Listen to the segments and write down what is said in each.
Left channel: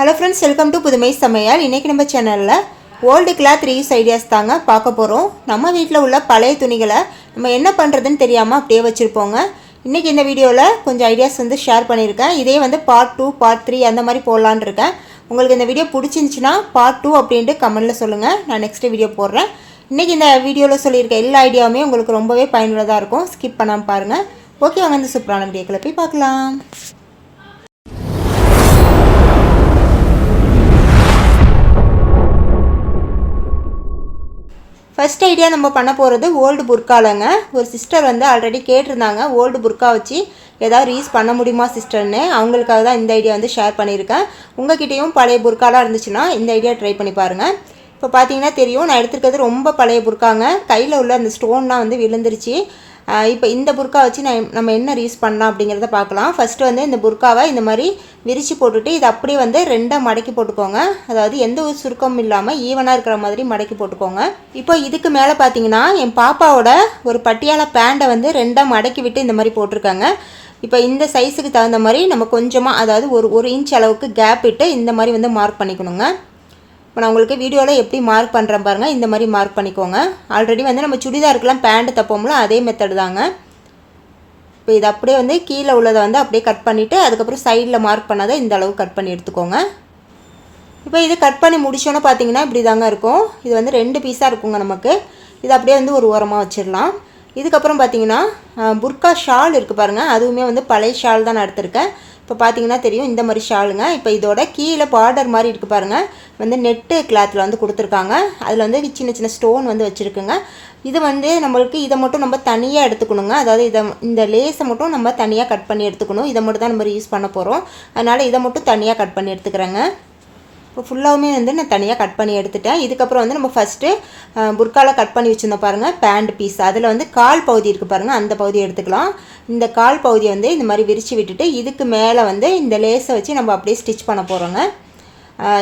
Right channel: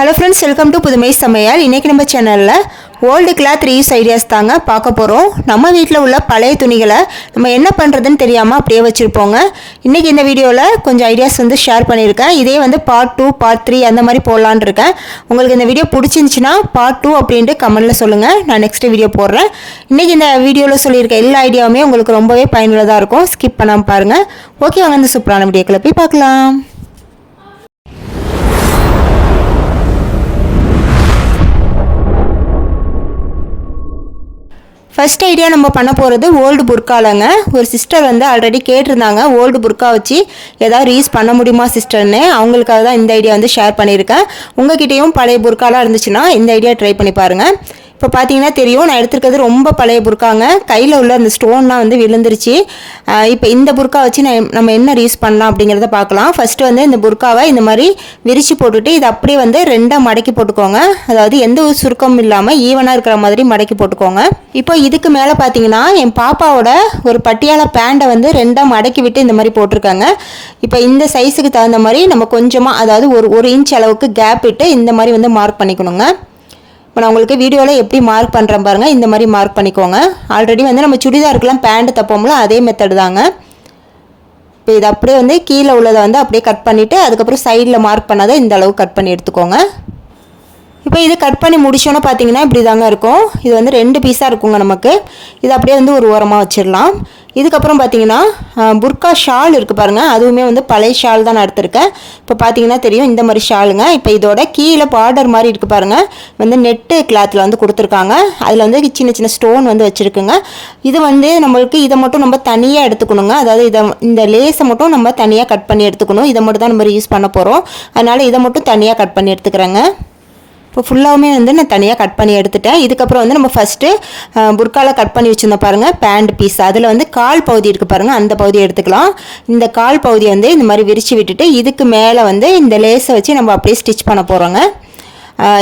Hello friends, welcome to புதுமை சமையல். இன்றைக்கி நம்ம சேனலில் ஓல்டு கிளாத் ரீயூஸ் ஐடியாஸ் தாங்க பார்க்க போகிறோம். நம்ம வீட்டில் உள்ள பழைய துணிகளை நம்ம என்ன பண்ணுறதுன்னு தெரியாமல் அப்படியே வச்சுருப்போங்க. இன்றைக்கி இந்த வீடியோவில் கொஞ்சம் ஐடியாஸ் ஷேர் பண்ணியிருக்கேன். இதே பார்ட் 2 பார்ட் 3 அந்த மாதிரி போடலான்னு இருக்கேன். உங்களுக்கு இந்த வீடியோ பிடிச்சிருந்துச்சின்னா பார்ட் 2 அப்படின்ட்டு கமெண்ட்டில் சொல்லுங்கள். நான் நெக்ஸ்ட் வீடியோ போடுறேன். இன்றைக்கி இந்த வீடியோவில் சொல்லியிருக்க எல்லா ஐடியாவுமே உங்களுக்கு ரொம்பவே பயனுள்ளதாக இருக்கும். ஸ்கிப் பண்ணாமல் பாருங்கள். ஓகே, வாங்க இந்த சூப்பரான வீடியோக்களை போய் பார்க்கலாம். ஃபஸ்ட் ஐடியா நம்ம பண்ண போகிறது ஓல்டு புர்காலங்க. ஒரு சிஸ்டர் ஆல்ரெடி கேட்டிருந்தாங்க ஓல்டு புர்கா வச்சு ஏதாவது ரீயூஸ் பண்ண முடியுமா சிஸ்டர்னு. அவங்களுக்காக தான் இந்த ஐடியா ஷேர் பண்ணியிருக்கேன். உங்ககிட்டயும் பழைய புர்காலாம் இருந்துச்சுன்னா இந்த ஐடியா ட்ரை பண்ணி பாருங்கள். இப்போ பார்த்தீங்கன்னா தெரியும், நான் எடுத்துருக்கிறது ரொம்ப பழைய புர்காங்க. கையில் உள்ள அந்த ஸ்டோன்லாம் விழுந்துருச்சு. இப்போ இந்த புர்கா வச்சு நம்ம என்ன ரீயூஸ் பண்ணலாம் அப்படிங்கிறத பார்க்கலாம். ஃபஸ்ட்டு இந்த புர்காவை இந்த மாதிரி விரித்து போட்டுட்டு இதை அப்படியே ரெண்டாக மடக்கி போட்டுக்கோங்க. அதாவது எந்த ஒரு சுருக்கமும் இல்லாமல் ஈவனாக இருக்கிற மாதிரி மடக்கி போட்டுக்கோங்க. இப்போ இதுக்கு மேலே பார்த்தீங்கன்னா என் பாப்பாவோட ஒரு பட்டியாலா பேண்டை ரெண்டாக மடக்கி விட்டு இந்த மாதிரி போட்டிருக்காங்க. இப்போ இந்த சைஸுக்கு தகுந்த மாதிரி நம்ம கொஞ்சமாக, அதாவது ஒரு இன்ச் அளவுக்கு கேப் விட்டு இந்த மாதிரி மார்க் பண்ணிக்கணுங்க. இப்போ நான் உங்களுக்கு வீடியோவில் எப்படி மார்க் பண்ணுறேன் பாருங்கள். இந்த மாதிரி மார்க் பண்ணிக்கோங்க. ஆல்ரெடி நம்ம சுடிதாருக்கெல்லாம் பேண்ட் தப்போம்ல, அதே மெத்தடு தாங்க. இப்போ இது அப்படியே கீழே உள்ளதை அப்படியே கட் பண்ணிவிட்டு அதுக்கப்புறம் சைடில் மார்க் பண்ணாத இந்த அளவு கட் பண்ணி எடுத்துக்கோங்க. இப்போ இது கட் பண்ணி முடிச்சோன்னே பார்த்தீங்கன்னா இப்படி தாங்க இருக்கும். இது 2 பீஸாக இருக்குங்க நமக்கு. இது அப்படியே ஒரு ஓரமாக வச்சிடலாம். இதுக்கப்புறம் பார்த்தீங்கன்னா புர்கா ஷால் இருக்குது பாருங்கள். அதுவுமே பழைய ஷால் தான் நான் எடுத்திருக்கேன். இப்போ பார்த்தீங்கன்னா தெரியும், இந்த மாதிரி ஷாலுங்க. இப்போ இதோட கீழே பார்டர் மாதிரி இருக்குது பாருங்கள். நெட்டு கிளாத்தில் கொடுத்துருக்காங்க. அதில் சின்ன சின்ன ஸ்டோன் வச்சுருக்குங்க. இது நம்மளுக்கு இதை மட்டும் நம்ம தனியாக எடுத்துக்கணுங்க. அதாவது இந்த லேஸை மட்டும் நம்ம தனியாக கட் பண்ணி எடுத்துக்கணும். இதை மட்டும் தான் நம்ம யூஸ் பண்ண போகிறோம். அதனால் இதை மட்டும் தனியாக கட் பண்ணி எடுத்துக்கிறேங்க. இப்போ ஃபுல்லாகவுமே நான் தனியாக கட் பண்ணி எடுத்துட்டேன். இதுக்கப்புறம் நம்ம ஃபஸ்ட்டு புர்காவில் கட் பண்ணி வச்சுருந்தோம் பாருங்கள் பேண்ட் பீஸ். அதில் கால் பகுதி இருக்குது பாருங்கள், அந்த பகுதியை எடுத்துக்கலாம். இந்த கால் பகுதியை இந்த மாதிரி விரித்து விட்டுட்டு இதுக்கு மேலே இந்த லேஸை வச்சு நம்ம அப்படியே ஸ்டிச் பண்ண போகிறோங்க.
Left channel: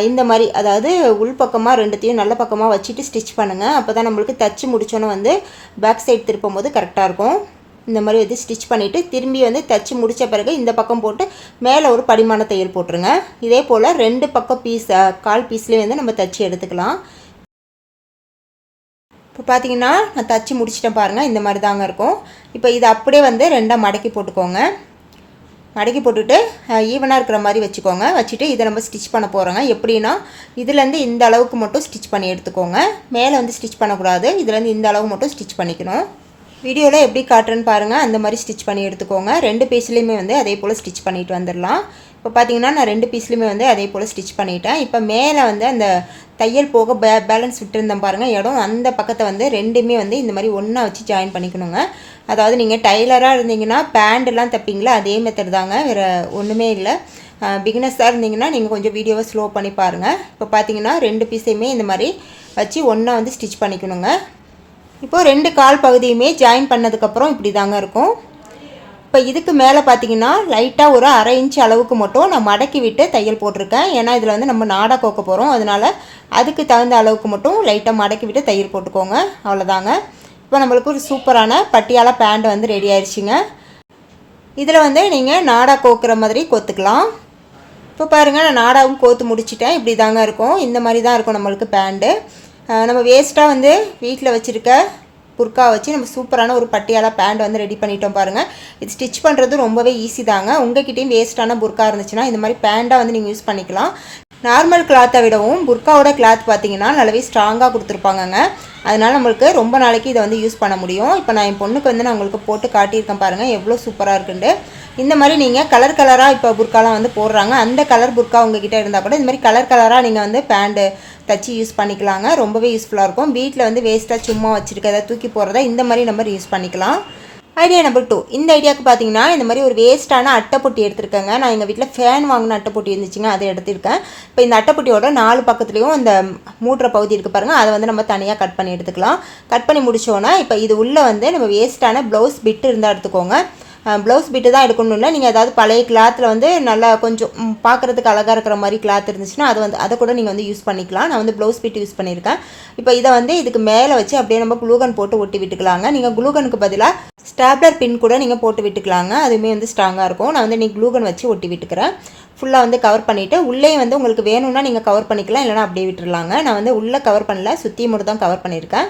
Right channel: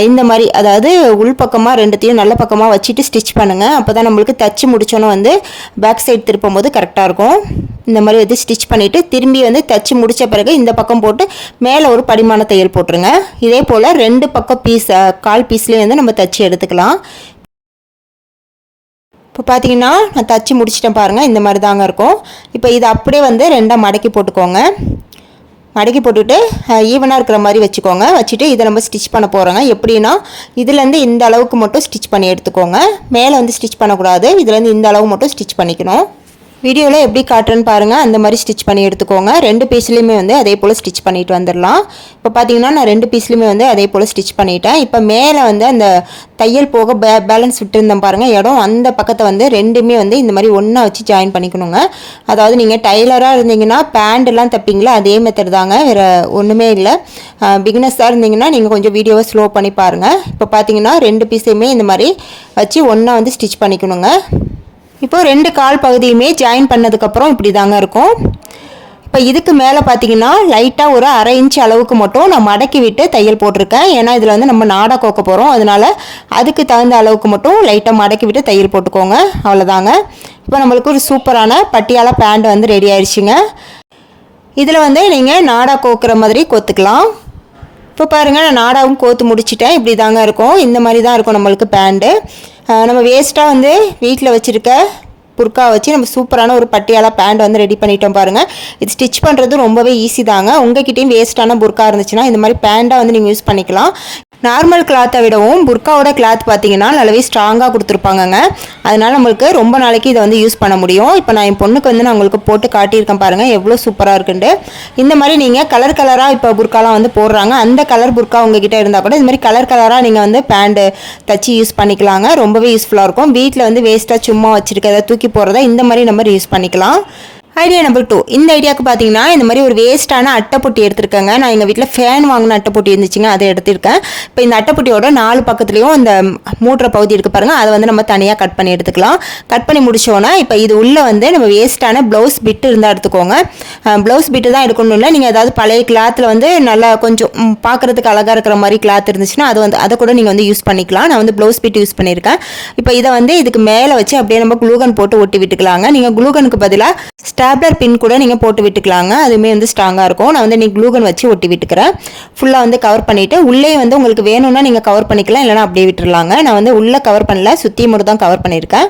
இந்த மாதிரி, அதாவது உள்பக்கமாக ரெண்டுத்தையும் நல்ல பக்கமாக வச்சுட்டு ஸ்டிச் பண்ணுங்கள். அப்போ தான் நம்மளுக்கு தச்சு முடிச்சோன்னு பேக் சைடு திருப்பும் போது கரெக்டாக இருக்கும். இந்த மாதிரி ஸ்டிச் பண்ணிவிட்டு திரும்பி தச்சு முடித்த பிறகு இந்த பக்கம் போட்டு மேலே ஒரு படிமான தையல் போட்டுருங்க. இதே போல் 2 பக்கம் பீஸ், கால் பீஸ்லேயும் நம்ம தச்சு எடுத்துக்கலாம். இப்போ பார்த்தீங்கன்னா நான் தச்சு முடிச்சிட்டேன் பாருங்கள். இந்த மாதிரி தாங்க இருக்கும். இப்போ இதை அப்படியே ரெண்டாக மடக்கி போட்டுக்கோங்க. மடக்கி போட்டுட்டு ஈவனாக இருக்கிற மாதிரி வச்சுக்கோங்க. வச்சுட்டு இதை நம்ம ஸ்டிச் பண்ண போகிறோங்க. எப்படின்னா இதுலேருந்து இந்த அளவுக்கு மட்டும் ஸ்டிச் பண்ணி எடுத்துக்கோங்க. மேலே ஸ்டிச் பண்ணக்கூடாது. இதுலேருந்து இந்த அளவு மட்டும் ஸ்டிச் பண்ணிக்கணும். வீடியோவில் எப்படி காட்டுறேன்னு பாருங்கள். அந்த மாதிரி ஸ்டிச் பண்ணி எடுத்துக்கோங்க. 2 பீஸ்லேயுமே அதே போல் ஸ்டிச் பண்ணிட்டு வந்துடலாம். இப்போ பார்த்தீங்கன்னா நான் 2 பீஸ்லேயுமே அதே போல் ஸ்டிச் பண்ணிட்டேன். இப்போ மேலே அந்த தையல் போக பேலன்ஸ் விட்டுருந்தேன் பாருங்கள் இடம். அந்த பக்கத்தை ரெண்டுமே இந்த மாதிரி ஒன்றா வச்சு ஜாயின் பண்ணிக்கணுங்க. அதாவது நீங்கள் டைலராக இருந்தீங்கன்னா பேண்டெல்லாம் தைப்பீங்களா, அதே மெத்தட் தாங்க, வேறு ஒன்றுமே இல்லை. பிகினர்ஸாக இருந்தீங்கன்னா நீங்கள் கொஞ்சம் வீடியோவை ஸ்லோ பண்ணி பாருங்கள். இப்போ பார்த்தீங்கன்னா 2 பீஸையுமே இந்த மாதிரி வச்சு ஒன்றா ஸ்டிச் பண்ணிக்கணுங்க. இப்போ 2 கால் பகுதியுமே ஜாயின் பண்ணதுக்கப்புறம் இப்படி தாங்க இருக்கும். இப்போ இதுக்கு மேலே பார்த்தீங்கன்னா லைட்டாக ஒரு 1/2 இன்ச் அளவுக்கு மட்டும் நான் மடக்கி விட்டு தையல் போட்டிருக்கேன். ஏன்னா இதில் நம்ம நாடா கோக்க போகிறோம். அதனால் அதுக்கு தகுந்த அளவுக்கு மட்டும் லைட்டாக மடக்கி விட்டு தையல் போட்டுக்கோங்க. அவ்வளோதாங்க. இப்போ நம்மளுக்கு ஒரு சூப்பரான பட்டியாலா பேண்ட் ரெடி ஆயிடுச்சுங்க. இதில் நீங்கள் நாடா கோக்குற மாதிரி கோத்துக்கலாம். இப்போ பாருங்கள், நான் நாடாவும் கோத்து முடிச்சிட்டேன். இப்படி தாங்க இருக்கும். இந்த மாதிரி தான் இருக்கும் நம்மளுக்கு பேண்டு. நம்ம வேஸ்ட்டாக வீட்டில் வச்சுருக்க புர்கா வச்சு நம்ம சூப்பரான ஒரு பட்டியாலா பேண்ட் ரெடி பண்ணிட்டோம் பாருங்கள். இது ஸ்டிச் பண்ணுறது ரொம்பவே ஈஸி தாங்க. உங்கள்கிட்டையும் வேஸ்ட்டான புர்கா இருந்துச்சுன்னா இந்த மாதிரி பேண்டாக நீங்கள் யூஸ் பண்ணிக்கலாம். நார்மல் கிளாத்தை விடவும் புர்காவோட கிளாத் பார்த்தீங்கன்னா நல்லாவே ஸ்ட்ராங்காக கொடுத்துருப்பாங்கங்க. அதனால் நம்மளுக்கு ரொம்ப நாளைக்கு இதை யூஸ் பண்ண முடியும். இப்போ நான் என் பொண்ணுக்கு நான் உங்களுக்கு போட்டு காட்டியிருக்கேன் பாருங்கள், எவ்வளோ சூப்பராக இருக்குன்ட்டு. இந்த மாதிரி நீங்கள் கலர் கலராக இப்போ புர்காலாம் போடுறாங்க. அந்த கலர் புர்கா உங்ககிட்ட இருந்தால் கூட இந்த மாதிரி கலர் கலராக நீங்கள் பேண்டு தச்சு யூஸ் பண்ணிக்கலாங்க. ரொம்பவே யூஸ்ஃபுல்லாக இருக்கும். வீட்டில் வேஸ்ட்டாக சும்மா வச்சுருக்கதை தூக்கி போடுறத இந்த மாதிரி நம்ம யூஸ் பண்ணிக்கலாம். Idea number 2. இந்த ஐடியாவுக்கு பார்த்தீங்கன்னா இந்த மாதிரி ஒரு வேஸ்ட்டான அட்டைப்பொட்டி எடுத்துருக்கேங்க. நான் எங்கள் வீட்டில் ஃபேன் வாங்கின அட்டைப்பொட்டி இருந்துச்சுங்க, அதை எடுத்துருக்கேன். இப்போ இந்த அட்டைப்பொட்டியோட 4 பக்கத்துலேயும் இந்த மூட்டுற பகுதி இருக்குது பாருங்கள், அதை நம்ம தனியாக கட் பண்ணி எடுத்துக்கலாம். கட் பண்ணி முடிச்சோன்னா இப்போ இது உள்ளே நம்ம வேஸ்ட்டான ப்ளவுஸ் பிட்டு இருந்தால் எடுத்துக்கோங்க. ப்ளவுஸ் பிட்டு தான் எடுக்கணும் இல்லை, நீங்கள் ஏதாவது பழைய கிளாத்தில் நல்லா கொஞ்சம் பார்க்குறதுக்கு அழகாக இருக்கிற மாதிரி கிளாத் இருந்துச்சுன்னா அதை கூட நீங்கள் யூஸ் பண்ணிக்கலாம். நான் ப்ளவுஸ் பிட்டு யூஸ் பண்ணியிருக்கேன். இப்போ இதை இதுக்கு மேலே வச்சு அப்படியே நம்ம குளூகன் போட்டு ஒட்டி விட்டுக்கலாங்க. நீங்கள் குளூகனுக்கு பதிலாக ஸ்டாப்லர் பின் கூட நீங்கள் போட்டு விட்டுக்கலாங்க, அதுவுமே வந்து ஸ்ட்ராங்காக இருக்கும். நான் வந்து இன்றைக்கி க்ளூகன் வச்சு ஒட்டி விட்டுக்கிறேன். ஃபுல்லாக வந்து கவர் பண்ணிவிட்டு உள்ளே வந்து உங்களுக்கு வேணும்னா நீங்கள் கவர் பண்ணிக்கலாம், இல்லைனா அப்படியே விட்டுருலாங்க. நான் வந்து உள்ளே கவர் பண்ணல, சுற்றி மட்டும் தான் கவர் பண்ணியிருக்கேன்.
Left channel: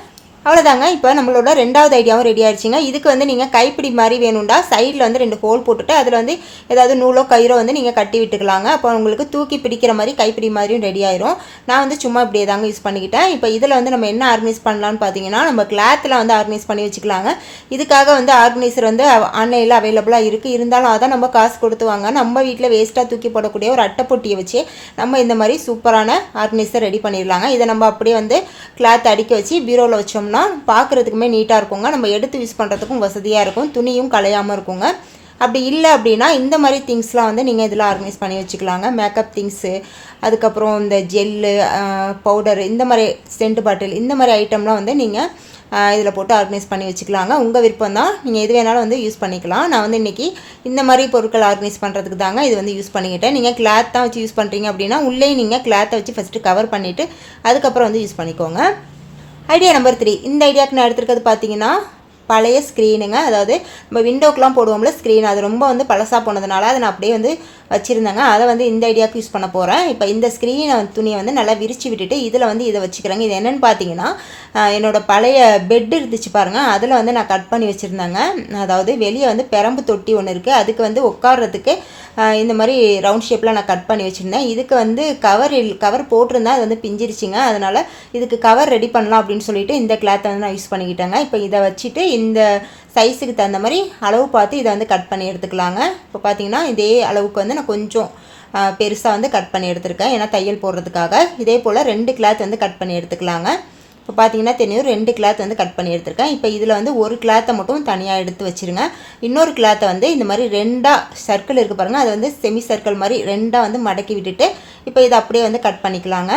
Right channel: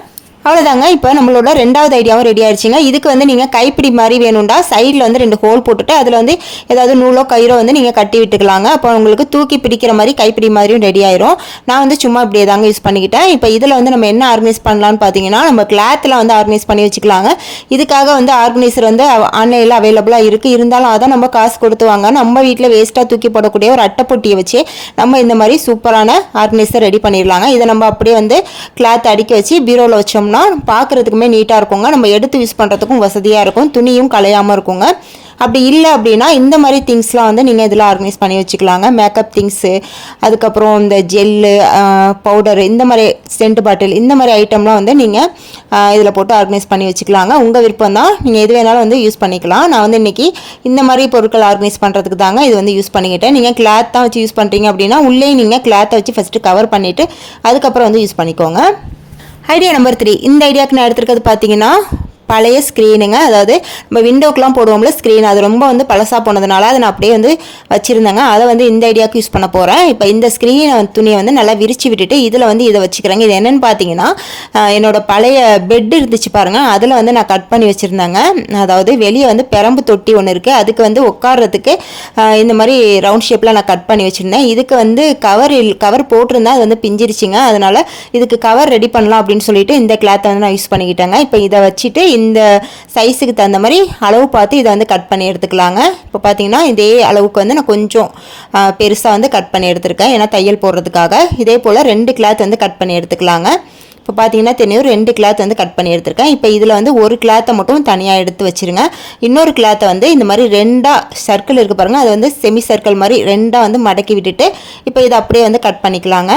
அவ்வளோதாங்க. இப்போ நம்மளோட ரெண்டாவது ஐடியாவும் ரெடி ஆயிடுச்சுங்க. இதுக்கு வந்து நீங்கள் கைப்பிடி மாதிரி வேணும்டா சைடில் வந்து 2 ஹோல் போட்டுட்டு அதில் வந்து ஏதாவது நூலோ கயிறோ வந்து நீங்கள் கட்டி விட்டுக்கலாங்க. அப்போ உங்களுக்கு தூக்கி பிடிக்கிற மாதிரி கைப்பிடி மாதிரியும் ரெடி ஆயிரும். நான் வந்து சும்மா இப்படியே தாங்க யூஸ் பண்ணிக்கிட்டேன். இப்போ இதில் வந்து நம்ம என்ன ஆர்கனைஸ் பண்ணலான்னு பார்த்தீங்கன்னா, நம்ம கிளாத்தில் வந்து ஆர்கனைஸ் பண்ணி வச்சுக்கலாங்க. இதுக்காக வந்து ஆர்கனைசர் வந்து ஆன்லைனில் அவைலபிளாக இருக்குது. இருந்தாலும் அதை நம்ம காசு கொடுத்து வாங்க, நம்ம வீட்டில் வேஸ்ட்டாக தூக்கி போடக்கூடிய ஒரு அட்டைப்பொட்டியை வச்சு நம்ம இந்த மாதிரி சூப்பரான ஆர்கனைசர் ரெடி பண்ணிடலாங்க. இதை நம்ம அப்படியே வந்து கிளாத் அடுக்கி வச்சு பீரோவில் வச்சோம்னா பார்க்குறதுக்குமே நீட்டாக இருக்குங்க. நம்ம எடுத்து யூஸ் பண்ணுறதுக்கும் வசதியாக இருக்கும், துணியும் கலையாமல் இருக்குங்க. அப்படி இல்லை அப்படின்னா இந்த மாதிரி திங்ஸ்லாம் வந்து நீங்கள் இதில் ஆர்கனைஸ் பண்ணி வச்சுக்கலாங்க. மேக்கப் திங்ஸு, அதுக்கப்புறம் இந்த ஜெல்லு, பவுடரு, இந்த மாதிரி சென்ட் பாட்டில், இந்த மாதிரி ஐட்டம்லாம் வந்து நீங்கள் இதில் போட்டு ஆர்கனைஸ் பண்ணி வச்சுக்கலாங்க. உங்கள் விருப்பம் தான், நீங்கள் எது வேணாலும் வந்து யூஸ் பண்ணிக்கலாம். நான் வந்து இன்றைக்கி இந்த மாதிரி பொருட்கள் ஆர்கனைஸ் பண்ணுறதுக்கு தாங்க இது வந்து யூஸ் பண்ணிக்கிட்டேன். நீங்கள் கிளாத் தான் வச்சு யூஸ் பண்ணுறீங்க அப்படின்னா உள்ளே நீங்கள் கிளாத்தை வச்சு ஃபஸ்ட்டு கவர் பண்ணிவிட்டு அதுக்கப்புறம் வந்து யூஸ் பண்ணிக்கோங்க. Idea number 3. இந்த ஐடியாவுக்கு நான் எடுத்துருக்கிறது பார்த்தீங்கன்னா பழைய ஸ்க்ரீனுங்க. அதாவது நம்ம விண்டோக்கெலாம் போடுவோம்ல ஸ்க்ரீன், அது ரொம்ப வந்து பழசாக போனதுனால அதை நான் அப்படியே வந்து வச்சுருந்தேங்க. அதை வந்து இந்த ஐடியாவுக்கு யூஸ் பண்ண போகிறேன். இப்போ இந்த ஸ்க்ரீன் துணியை வந்து நல்லா விரித்து விட்டுட்டு இதில் வந்து இதை வச்சுக்கிறேங்க. இது என்னென்னு பார்த்தீங்கன்னா, என்னோடய பழைய பெட் இருந்துச்சு பாருங்கள், அதில் வந்து நான் கட் பண்ணி வச்சுருந்தேங்க. அதாவது வெளியே வந்து பெரம்பு தொட்டி ஒன்று இருக்குது, அதுக்கு வந்து உட்கார்றதுக்கு இந்த மாதிரி ரவுண்ட் ஷேப்பில் நான் கட் பண்ணி வச்சுருந்தேன். இதுக்கு வந்து கவர் போட்டிருந்தேன், அது வந்து பிஞ்சிருச்சுங்க. அதனால் இதுக்கு கவர் ரெடி பண்ணலாம் அப்படின்னு சொல்லிட்டு இந்த கிளாத்தை வந்து நான் யூஸ் பண்ணிக்கிட்டேங்க. இப்போ இதை வச்சுட்டு இந்த சைஸுக்கு தகுந்த மாதிரி அளவு பார்த்து இதை வந்து கட் பண்ணி எடுத்துக்கலாங்க. இப்போ பார்த்தீங்கன்னா இதே அளவுக்கு வந்து நான் கொஞ்சம் பெருசாக வந்து கட் பண்ணி எடுத்துருக்கேன், ஏன்னா தையல் போடுறதுக்காக. இதே போல் 2 கிளாத் வந்து கட் பண்ணி எடுத்துக்கலாங்க. இப்போ பார்த்தீங்கன்னா தெரியும், 2 கிளாத் வந்து கட் பண்ணி எடுத்துருக்கேன். இப்போ இதில் வந்து ஒரு கிளாத்தை மட்டும் தனியாக எடுத்து வச்சுருங்க. இன்னொரு கிளாத்தை வந்து இந்த மாதிரி 2 சர்க்கிள் இருக்குது பாருங்கள், அது வந்து செமி சர்க்கிள் மாதிரி 2 வந்து மடக்கி விட்டுட்டு இப்போ இதை அப்படியே வந்து கட் பண்ணிக்கலாங்க.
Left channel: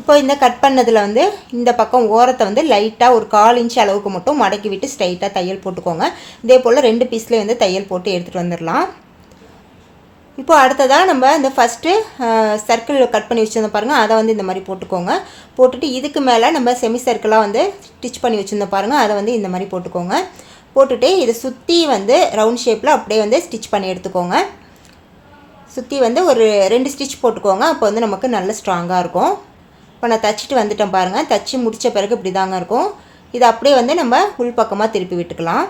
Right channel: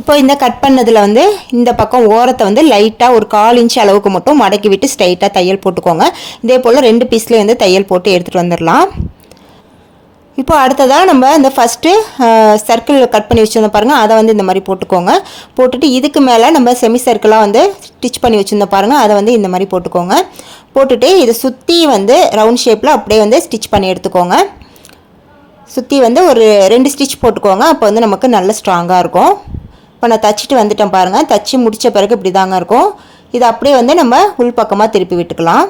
இப்போ இந்த கட் பண்ணதில் வந்து இந்த பக்கம் ஓரத்தை வந்து லைட்டாக ஒரு 1/4 இன்ச் அளவுக்கு மட்டும் மடக்கி விட்டு ஸ்ட்ரைட்டாக தையல் போட்டுக்கோங்க. இதே போல் 2 பீஸ்லேயே வந்து தையல் போட்டு எடுத்துகிட்டு வந்துடலாம். இப்போ அடுத்ததாக நம்ம இந்த ஃபஸ்ட்டு சர்க்கிள் கட் பண்ணி வச்சுருந்தோம் பாருங்கள், அதை வந்து இந்த மாதிரி போட்டுக்கோங்க. போட்டுட்டு இதுக்கு மேலே நம்ம செமி சர்க்கிளாக வந்து ஸ்டிச் பண்ணி வச்சுருந்தோம் பாருங்கள், அதை வந்து இந்த மாதிரி போட்டுக்கோங்க. போட்டுட்டு இதை சுற்றி வந்து ரவுண்ட் ஷேப்பில் அப்படியே வந்து ஸ்டிச் பண்ணி எடுத்துக்கோங்க. சுற்றி வந்து ஒரு 2 ஸ்டிச் போட்டுக்கோங்க, அப்போ வந்து நமக்கு நல்ல ஸ்ட்ராங்காக இருக்கும். இப்போ நான் தச்சுட்டு வந்துட்டேன் பாருங்கள், தச்சு முடித்த பிறகு இப்படி தாங்க இருக்கும். இதை அப்படியே வந்து நம்ம உள்பக்கமாக திருப்பி விட்டுக்கலாம்.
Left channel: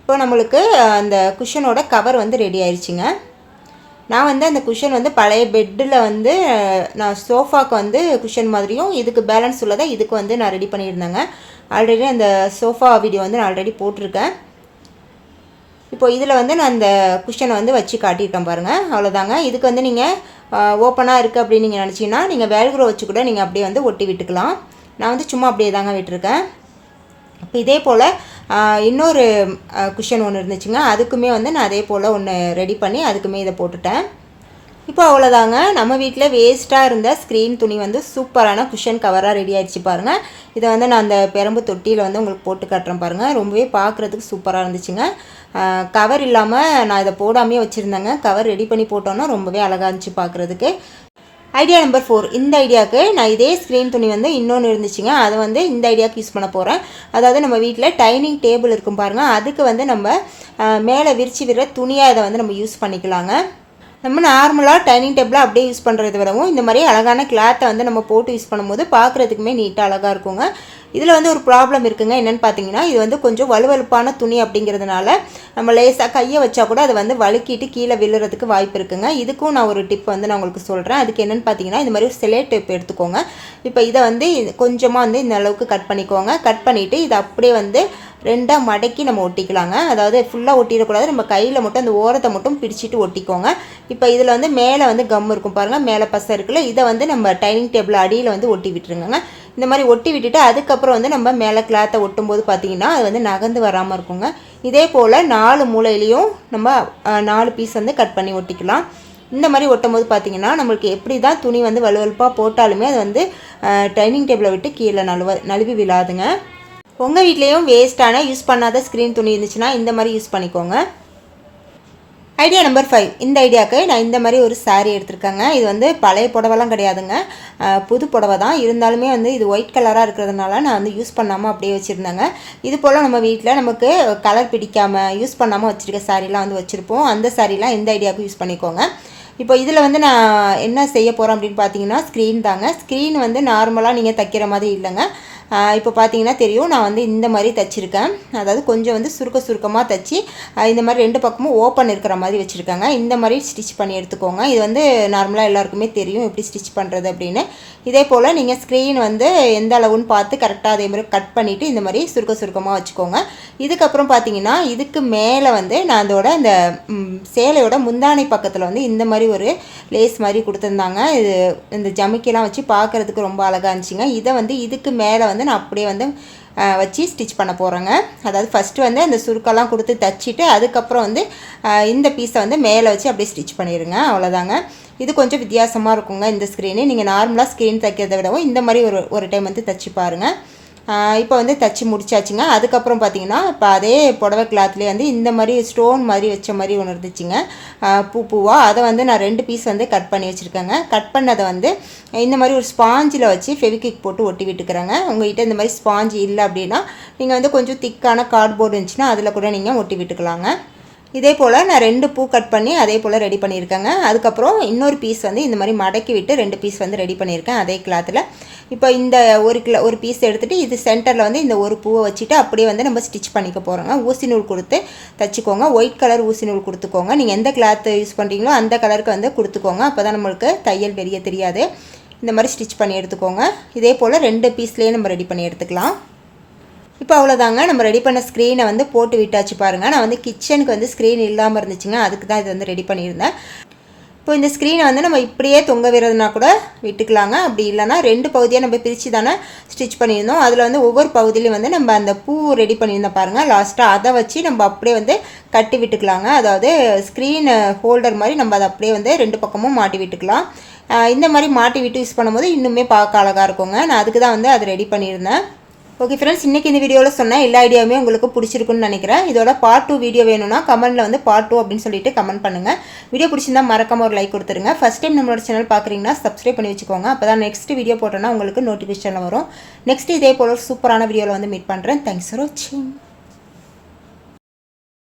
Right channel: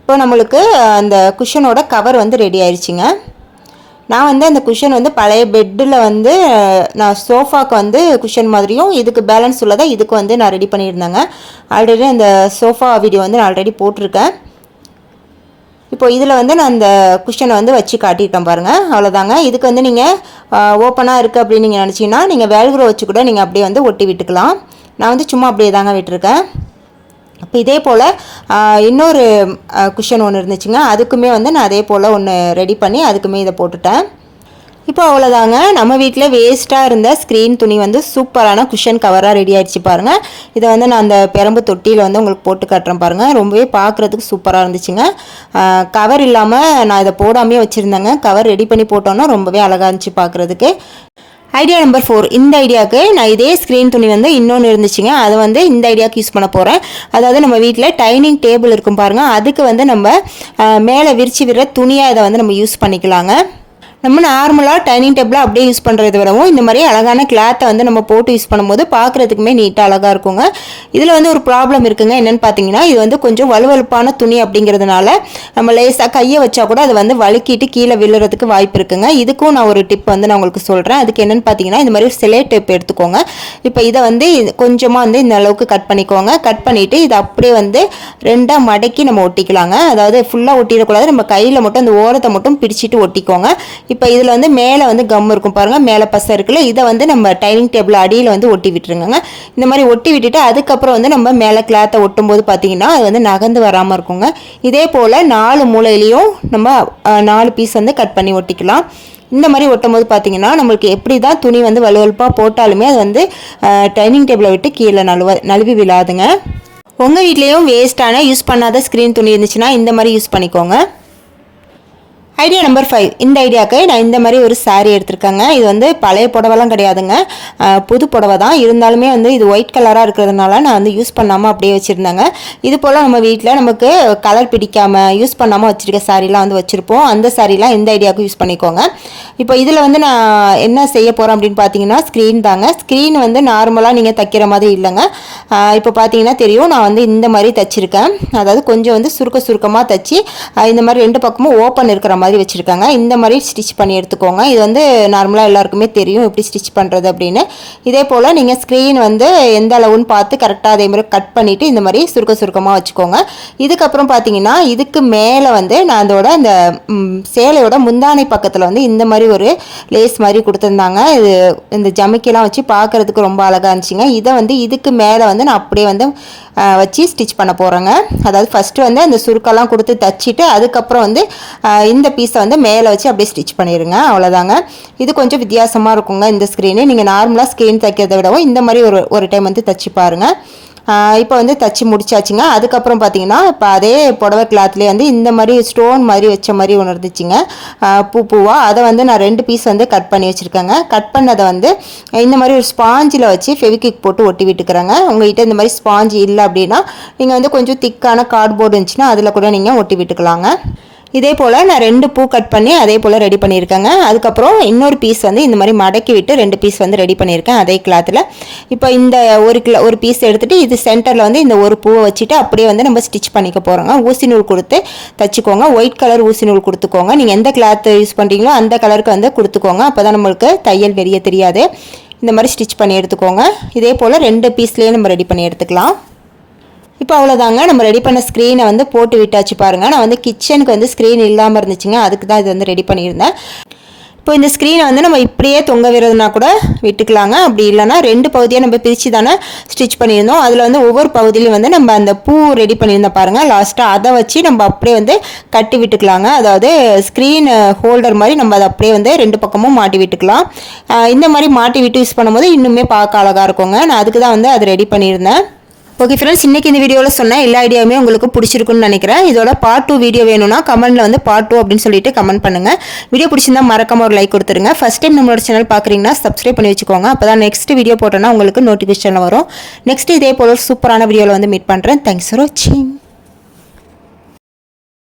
இப்போ நம்மளுக்கு அந்த குஷனோட கவர் வந்து ரெடி ஆயிடுச்சுங்க. நான் வந்து அந்த குஷன் வந்து பழைய பெட்டில் வந்து நான் சோஃபாவுக்கு வந்து குஷன் மாதிரியும் இதுக்கு பேலன்ஸ் உள்ளதை இதுக்கு வந்து நான் ரெடி பண்ணியிருந்தேங்க. ஆல்ரெடி அந்த சோஃபா வீடியோ வந்து நான் ஆல்ரெடி போட்டிருக்கேன். இப்போ இதில் வந்து நான் இந்த குஷனை வந்து வச்சு காட்டியிருக்கேன் பாருங்கள், அவ்வளோதாங்க. இதுக்கு வந்து நீங்கள் ஓப்பனாக இருக்குது அப்படின்னு நீங்கள் நினச்சிங்கன்னா நீங்கள் வேல்க்ரோ வச்சு கூட நீங்கள் அப்படியே வந்து ஒட்டி விட்டுக்கலாம். நான் வந்து சும்மா அப்படியே தாங்க விட்டுருக்கேன். இப்போ இதே போல் இன்னொரு குஷன் ஒன்று இருந்துச்சுங்க, அதுக்குமே வந்து நான் அதே போல் ஒன்று ரெடி பண்ணி அதுக்குமே இதை போட்டுட்டேன். இப்போ அவ்வளோதாங்க, நம்ம வீட்டில் வேஸ்ட்டாக இருந்த ஸ்க்ரீன் துணி வந்து சூப்பரான குஷன் கவராக ரெடி ஆகிடுச்சு பாருங்கள். இதை வந்து நான் அந்த பெரம்பு தொட்டியில் வந்து உங்களுக்கு போட்டு காட்டுறேன் பாருங்கள். ரொம்பவே பார்க்குறதுக்கு சூப்பராக இருந்துச்சுங்க. கவர் இல்லாமல் நான் இதை போடாமே வச்சுருந்தேங்க. கவர் ரெடி பண்ணி போட்டோன்னா ரொம்பவே அழகாக இருந்துச்சு பார்க்குறதுக்கு. Idea number 4. இந்த ஐடியாவுக்கு நான் இதே ஸ்க்ரீன் துணி வந்து இன்னொன்று இருந்துச்சுங்க, அதை வந்து இந்த ஐடியாவுக்கு யூஸ் பண்ண போகிறேன். அதாவது நம்ம வீட்டில் டைனிங் டேபிள் இருக்கும் பாருங்கள், அதுக்கு வந்து நம்ம மேலே விரிச்சு விடுற துணியாக இதை வந்து நம்ம யூஸ் பண்ணிக்கலாங்க. நம்ம நார்மலாக டைனிங் டேபிளை அப்படியே யூஸ் பண்ணுறதை விடவும் இந்த மாதிரி அழகான கிளாத்தை வந்து நம்ம போட்டு யூஸ் பண்ணும்போது பார்க்குறதுக்குமே நீட்டாக அழகாக இருக்குங்க. இதில் வந்து ஒரு ப்ராப்ளம் இருக்குங்க, என்னென்னு பார்த்தீங்கன்னா இது வந்து கொஞ்சம் வலுவலுப்பான துணி அப்படிங்கிறதுனால நம்ம லேசாக கையை வச்சா கூட அது வந்து வழுக்கிட்டு கீழே விழுறதுக்கு வாய்ப்பு இருக்குங்க. இதுக்கும் நான் ஒரு டிப் வந்து நான் உங்களுக்கு சொல்கிறேன். அதுக்கு என்னென்னு பார்த்தீங்கன்னா இந்த மாதிரி செலே டேப் எடுத்துக்கோங்க. இப்போ இதை வந்து கொஞ்சமாக வந்து இந்த அளவுக்கு கட் பண்ணிக்கோங்க. கட் பண்ணிவிட்டு இதை அப்படியே வந்து 2ஆக மடக்கி நம்ம ஒட்டிக்கலாங்க. அதாவது ஃபுல்லாக ஒட்டிடக்கூடாது, நம்ம கையில் மட்டும் அந்த ஓரத்தை மட்டும் பிடிச்சிட்டு ஒட்டிக்கோங்க. இப்போ இதில் வந்து மேலே வந்து கம் இருக்கும் பாருங்கள், மேலே பசை இருக்குல்ல, இதை வந்து நம்ம டைனிங் டேபிள் அடியில் வந்து ஒட்டி விட்டுருங்க. இந்த மாதிரி ஒட்டி விட்டுட்டு அதுக்கப்புறம் வந்து நம்ம மேலே கிளாத்தை ஒட்டும் போது பார்த்தீங்கன்னா அது வந்து நகர்ந்து வராமல் இருக்குங்க. இதே போல் 4 மூலையிலையும் நம்ம 4 பீஸ் வந்து கட் பண்ணி ஒட்டிக்கலாம். இந்த மாதிரி ஒட்டும் போது பார்த்தீங்கன்னா நம்மளுக்கு எப்படி தான் துணி வந்து வலுவலுப்பாக போட்டாலுமே அது வந்து டைனிங் டேபிளை விட்டு கீழே நழுவி விழாதுங்க. உங்கள் வீட்லேயும் வேஸ்ட்டான யூஸ் பண்ணாத ஸ்க்ரீன் துணி இருந்துச்சுன்னா இந்த மாதிரி யூஸ் பண்ணிக்கோங்க. Idea number 5. இந்த ஐடியாவுக்கு நான் இந்த மாதிரி ஒரு saree எடுத்திருக்கேங்க. இது வந்து பழைய புடவைலாம் கிடையாதுங்க, புது புடவை தான். இருந்தாலுமே வந்து இது ஒயிட் கலராக இருக்கிறதுனால நான் வந்து யூஸ் பண்ணாமல் அப்படியே வச்சுருந்தேங்க. இது போல் நம்ம வீட்டில் நமக்கு கலர் பிடிக்காமல் யூஸ் பண்ணாமல் வச்சுருக்க சாரீலாம் வந்து வச்சுருப்போம். அந்த சாரீலாம் இந்த ஐடியாவுக்கு யூஸ் பண்ணிக்கோங்க. இப்போ இதில் வந்து நான் என்ன செய்ய போகிறேன் அப்படின்னு பார்த்தீங்கன்னா, ஸ்க்ரீன் தாங்க. ஸ்க்ரீன் வந்து நார்மலாக நீங்கள் தைக்கிற மாதிரி இல்லைங்க. இப்போ பார்த்தீங்கன்னா தெரியும், நான் வந்து இந்த மாதிரி தைச்சிருக்கேன். அதாவது கொஞ்சம் வந்து சுருக்கமாக தைச்சி இந்த மாதிரி 2 பக்கமும் ஓப்பன் இருக்கிற மாதிரி வச்சுருக்காங்க. இந்த மாதிரி ஸ்டிச் பண்ணி எடுத்துக்கோங்க. இது வந்து நார்மலாக எல்லாருக்குமே தெரியும் எப்படி ஸ்டிச் பண்ணுறது அப்படின்னு. இதே போல் நீங்கள் ஸ்க்ரீன் வந்து எந்த அளவுன்னு பார்த்து கரெக்டாக அதே மாதிரி கட் பண்ணிவிட்டு இந்த மாதிரி சுருக்கமாக வச்சுக்கோங்க. இதுக்கப்புறம் பார்த்தீங்கன்னா இதுக்கு மேலே வந்து நான் அதோட அந்த சேலையோட முந்தானை பக்கத்தில் வந்து இந்த மாதிரி ஒரு லேஸ் மாதிரி கொடுத்துருந்தாங்க. இது இந்த ஜமிக்கெல்லாம் வச்சு பார்க்குறதுக்கு ரொம்ப அழகாக இருந்துச்சுங்க. இதை வந்து இதுக்கு மேலே வந்து நான் அப்படியே வந்து வச்சு ஸ்டிச் பண்ண போகிறேங்க. அதாவது ஃபஸ்ட்டு வந்து அந்த சுருக்கெல்லாம் கொடுத்து தைச்சிட்டு அதுக்கப்புறம் வந்து இந்த பீஸை வந்து மேலே வச்சு அப்படியே ஸ்டிச் பண்ணிடுங்க. அவ்வளோதாங்க. இது கொஞ்சம் வித்தியாசமாக இருக்குங்க இந்த ஸ்க்ரீனு. நீங்கள் நார்மலாக ஸ்க்ரீன் தைக்கிறத விடவும் இந்த மாதிரி ஒரு டைம் வந்து தைச்சி பாருங்கள். இப்போ வந்து தச்சு முடிச்சாச்சுங்க. அதுக்கப்புறம் பார்த்தீங்கன்னா இப்போ அதே புடவை கிளாத்லேயே வந்து இந்த மாதிரி ஸ்டோன் மாதிரி வச்ச மாதிரி ஒன்று இருந்துச்சுங்க, பூவாக. அதை வந்து நான் 2 பீஸ் வந்து கட் பண்ணி வச்சுருக்கேங்க. கட் பண்ணதை வந்து இந்த மாதிரி ஒரு ஸ்பாஞ்சில் வச்சு ஃபெவிக்விக் போட்டு ஒட்டி விட்டுக்கிறேங்க. உங்கள்கிட்ட இந்த மாதிரி ஸ்பாஞ்சு இல்லை அப்படின்னா நீங்கள் வந்து கொஞ்சம் திக்கான கார்ட்போர்டு இருந்துச்சுன்னா அதில் கூட நீங்கள் ஒட்டி விட்டுக்கலாங்க. இதே போல் நான் 2 பூ கட் பண்ணி அதே போல் ரெடி பண்ணியிருக்கேங்க. அதுக்கப்புறம் இன்னொரு பீஸ் வந்து இந்த மாதிரி மடக்கி விட்டு 2 பீஸ் வந்து ரெடி பண்ணியிருக்கேன் அதே கிளாத்தில். இப்போ இந்த ஒரு பீஸ் எடுத்துகிட்டு இது சென்டரில் வந்து இந்த ஒரு பூவை வச்சுட்டு அப்படியே வந்து நம்ம ஸ்டிச் பண்ணிக்க போகிறோங்க. ஊசி நூல் கொடுத்து தைச்சிக்கோங்க. ஒயிட் கலர் ஊசி நூல் கொடுத்துக்கோங்க. நீங்கள் எந்த கிளாத் யூஸ் பண்ணுறீங்களோ அந்த கலருக்கு வந்து கொடுத்துக்கோங்க. அப்போ தான் நம்மளுக்கு தையல் வெளியே தெரியாது. இந்த மாதிரி ஸ்டிச் பண்ணி எடுத்துக்கோங்க. இதே போல் 2 பீஸ்லேயே நம்ம ரெடி பண்ணி எடுத்துக்கலாம். இப்போ அவ்வளோதாங்க, நம்ம ரெடி பண்ண ஸ்க்ரீனை வந்து போட்டு விட்டாச்சு பாருங்கள். நான் வந்து கிச்சனுக்கு வந்து ஸ்க்ரீன் இல்லாமல் இருந்துச்சுங்க, அதுக்கு தான் இது வந்து ரெடி பண்ணியிருந்தேன். இப்போ இந்த ஸ்க்ரீனை வந்து நம்ம இப்படியே தொங்க விடுறதுனா கூட விட்டுக்கலாங்க. அப்படி இல்லைனா 2 பகுதியாக நம்ம பிரித்து தானே ஸ்டிச் பண்ணியிருந்தோம். அதில் வந்து ஒவ்வொரு பகுதியிலையும் வந்து நம்ம அந்த பூ ரெடி பண்ணியிருந்தோம் பாருங்கள் லாஸ்ட்டாக, அதை வச்சு நம்ம அப்படியே வந்து கட்டி விட்டுக்கலாங்க. அதாவது ஸ்க்ரீன் ஹோல்டர் மாதிரி நம்ம அதை அப்படியே வந்து 2 பக்கமும் மாட்டி விட்டுக்கலாம். இந்த மாதிரி மாட்டி விட்டு யூஸ் பண்ணும்போது இன்னுமே பார்க்க அழகாக இருக்குங்க. நான் அதுக்கு தான் வந்து அதை ரெடி பண்ணியிருந்தேன். ஓகே ஃப்ரெண்ட்ஸ், இன்றைக்கி இந்த வீடியோவில் சொன்ன எல்லா ஐடியாவுமே உங்களுக்கு பிடிச்சிருக்குன்னு நினைக்கிறேன். இதோட பார்ட் 2 வீடியோ வேணும்னா கமெண்ட்டில் வந்து பார்ட் 2 அப்படின்னு சொல்லிட்டு கமெண்ட் பண்ணுங்கள். வீடியோ பிடிச்சிருந்தா மறக்காம ஒரு லைக் கொடுத்துருங்க. ஃபஸ்ட் டைம் நம்மளோட சேனல் பார்க்குறீங்கன்னா சப்ஸ்கிரைப் பண்ணி வச்சுக்கோங்க. அப்போ தான் நெக்ஸ்ட் வீடியோ போட்டோன்னா உங்களுக்கு நோட்டிஃபிகேஷனில் வரும். நெக்ஸ்ட் இதே போல் சூப்பரான வீடியோவில் வந்து மீட் பண்ணுறேன். தேங்க்ஸ் ஃபார் வாட்சிங்.